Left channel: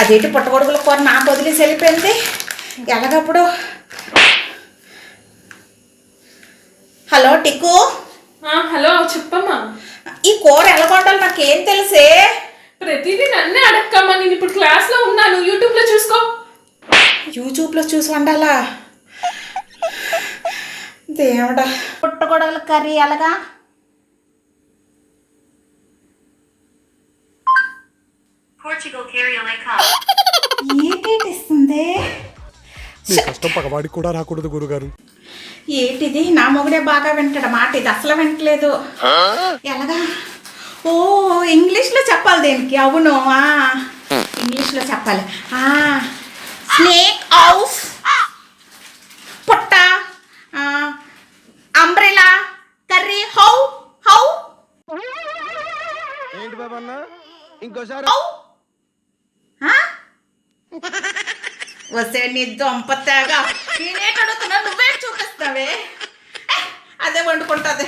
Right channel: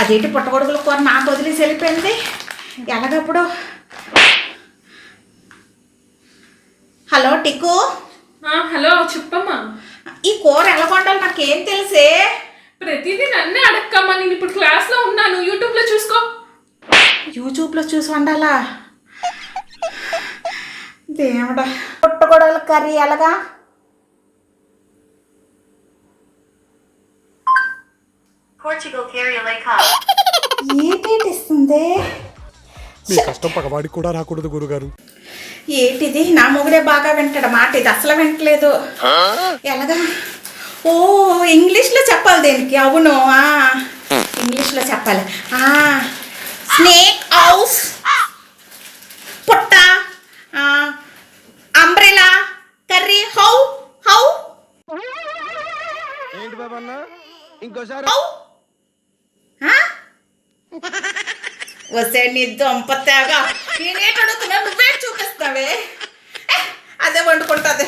అదేంటి పుట్టగొడుగుల కూర నాకు వదిలేసి వెళ్ళిపోయింది ఎలాగప్పుడు. హలో టిక్కు. హలో చెప్పమ్మా. ఈ కూర ఎలా వండాలి నాకేం తెలుసే. ప్రతిదీ నన్నే అడక్కమ్మా. నేను ఇప్పుడు క్లాస్లో ఉన్నాను, యూట్యూబ్లో చూసుకో. యూట్యూబ్లో చూసి వండాలా? దేవుడా, పుట్టగొడుగుల కర్రీ ఎలాగా? ఏంటి ఇస్తుంది? మీ కష్టం పగవాడికి కూడా రాకూడదు గురుగారు. ఏంటిది? నా మొగుడే బాగా వింటాడు మాట, ఇది అసలు వింటలేదు. ఎలాగా? ఓ ఇంగ్లీష్లో చెప్పాలి దీనికి. అవును, ఇంగ్లీష్లో చెప్పాలి. స్నేక్ హౌస్, పుట్ట, అంబ్రెలా, కర్రీ, హౌ హౌ. ఏంటి బాబన్న ఇంకోసారి? వస్తే నీ దొంపతేగా నేనేటి అడుగుతున్నా, నువ్వే చూపిస్తావే. అదే వండుకుంటుంది.